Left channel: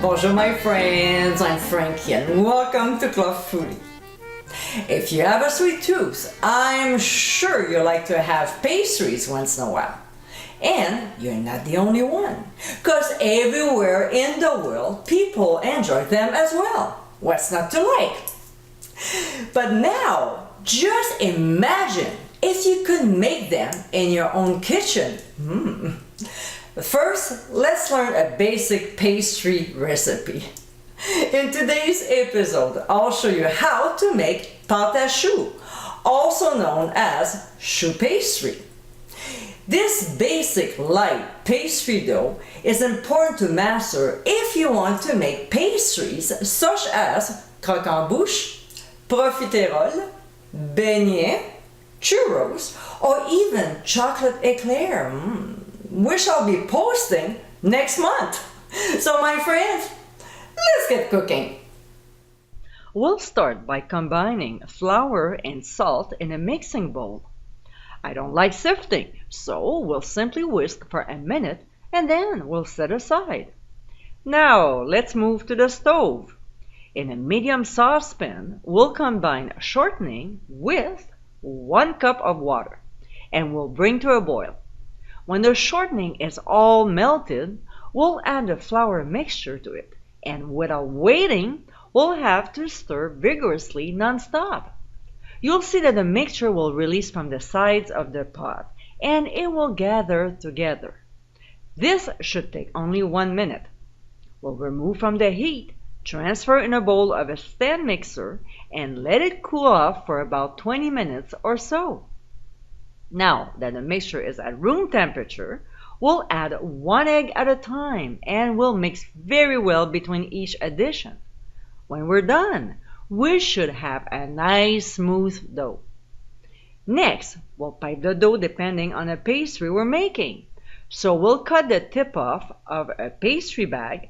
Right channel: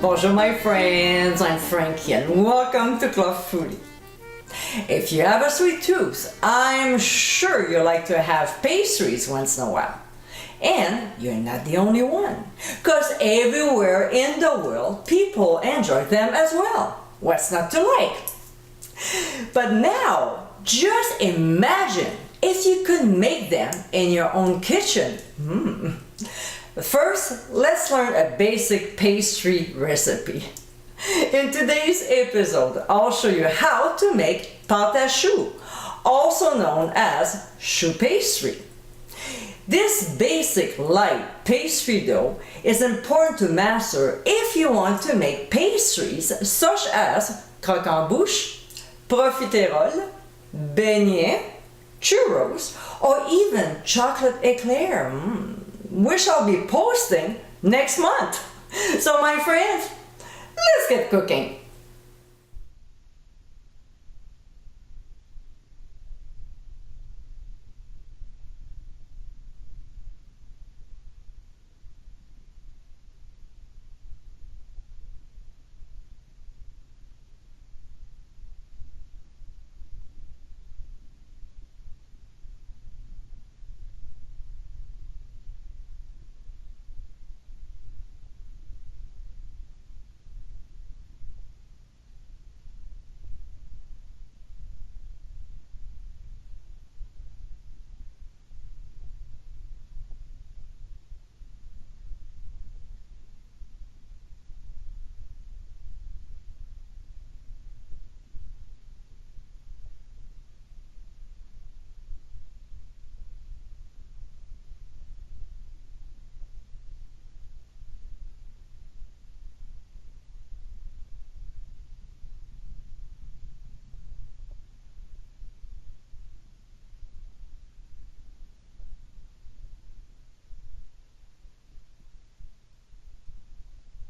Bonjour my friends, I'm Frankie and welcome to Club Foodie. If you have a sweet tooth, I'm sure you like to have pastries once in a while. And you're not the only one, because everywhere in the world people enjoy them as well. What's not to like? But now, just imagine if you could make them in your own kitchen. First, let's learn a basic pastry recipe. In today's episode, I'll show you how to make pâte à choux, also known as choux pastry. This basic light pastry dough is important to master if you want to make pastries such as croquembouche, profiterole, beignets, churros, or even chocolate eclair, which I'll be posting next month. So my friends, let's get cooking. We'll start by combining flour and salt in a mixing bowl. I don't like sifting, so we'll simply whisk for a minute and then we'll set aside. Now let's move to the stove. In a medium saucepan, we'll combine shortening with 1 cup of water and we'll bring to a boil. When the shortening is all melted, we'll add the flour mixture to it, and without waiting, we'll have to stir vigorously non-stop. You'll see that the mixture will release from the sides of the pot, and it will gather together. This should take only 1 minute. We'll remove from the heat, transfer in a bowl of a stand mixer, and let it cool off for about 20 minutes or so. Now that the mixture is at room temperature, we'll add 1 egg at a time and we'll mix very well between each addition. When we're done, we should have a nice smooth dough. Next, we'll pipe the dough depending on the pastry we're making. So we'll cut the tip off of a pastry bag,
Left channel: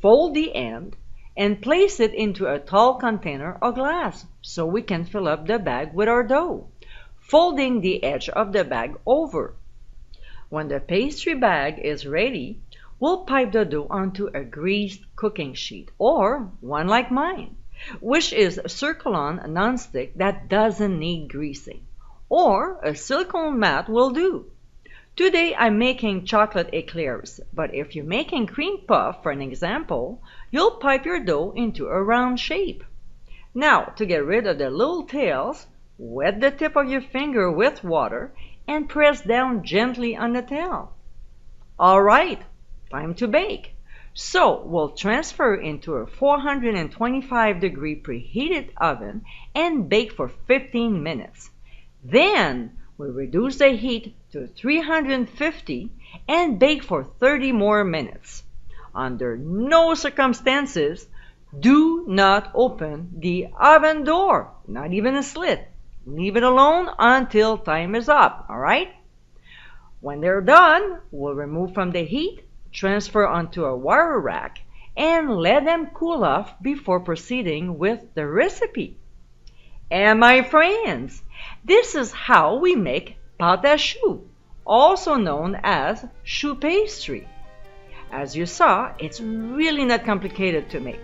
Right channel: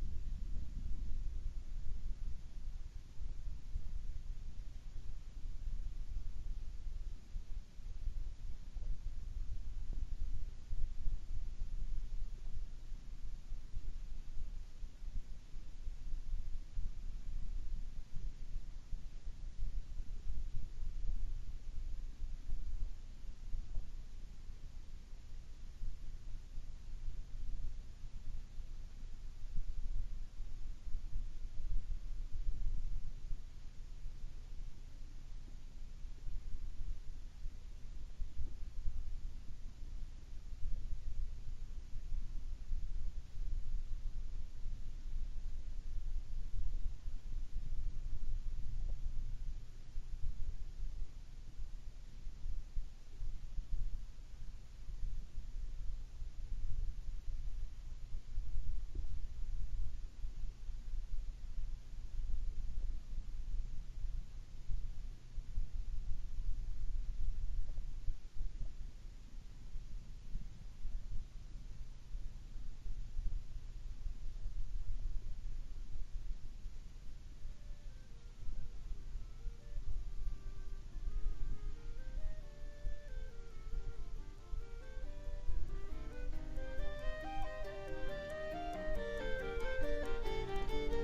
fold the end, and place it into a tall container or glass so we can fill up the bag with our dough, folding the edge of the bag over. When the pastry bag is ready, we'll pipe the dough onto a greased cooking sheet, or one like mine, which is circle-on non-stick that doesn't need greasing, or a silicone mat will do. Today I'm making chocolate eclairs, but if you're making cream puff, for an example, you'll pipe your dough into a round shape. Now, to get rid of the little tails, wet the tip of your finger with water and press down gently on the tail. Alright, time to bake. So we'll transfer into a 425-degree preheated oven and bake for 15 minutes. Then we reduce the heat to 350 and bake for 30 more minutes. Under no circumstances, do not open the oven door, not even a slit. Leave it alone until time is up, alright? When they're done, we'll remove from the heat, transfer onto a wire rack, and let them cool off before proceeding with the recipe. And my friends, this is how we make pâte à choux, also known as choux pastry. As you saw, it's really not complicated to make.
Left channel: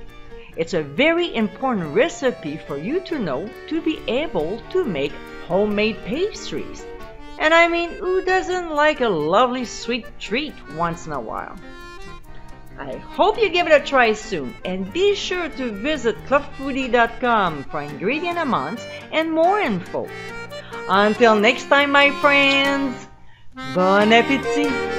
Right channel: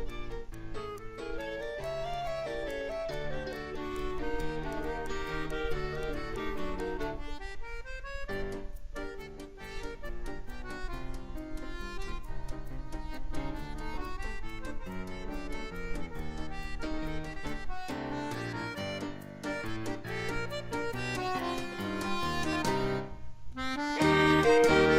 It's a very important recipe for you to know to be able to make homemade pastries. And I mean, who doesn't like a lovely sweet treat once in a while? I hope you give it a try soon, and be sure to visit clubfoodie.com for ingredient amounts and more info. Until next time, my friends, bon appétit!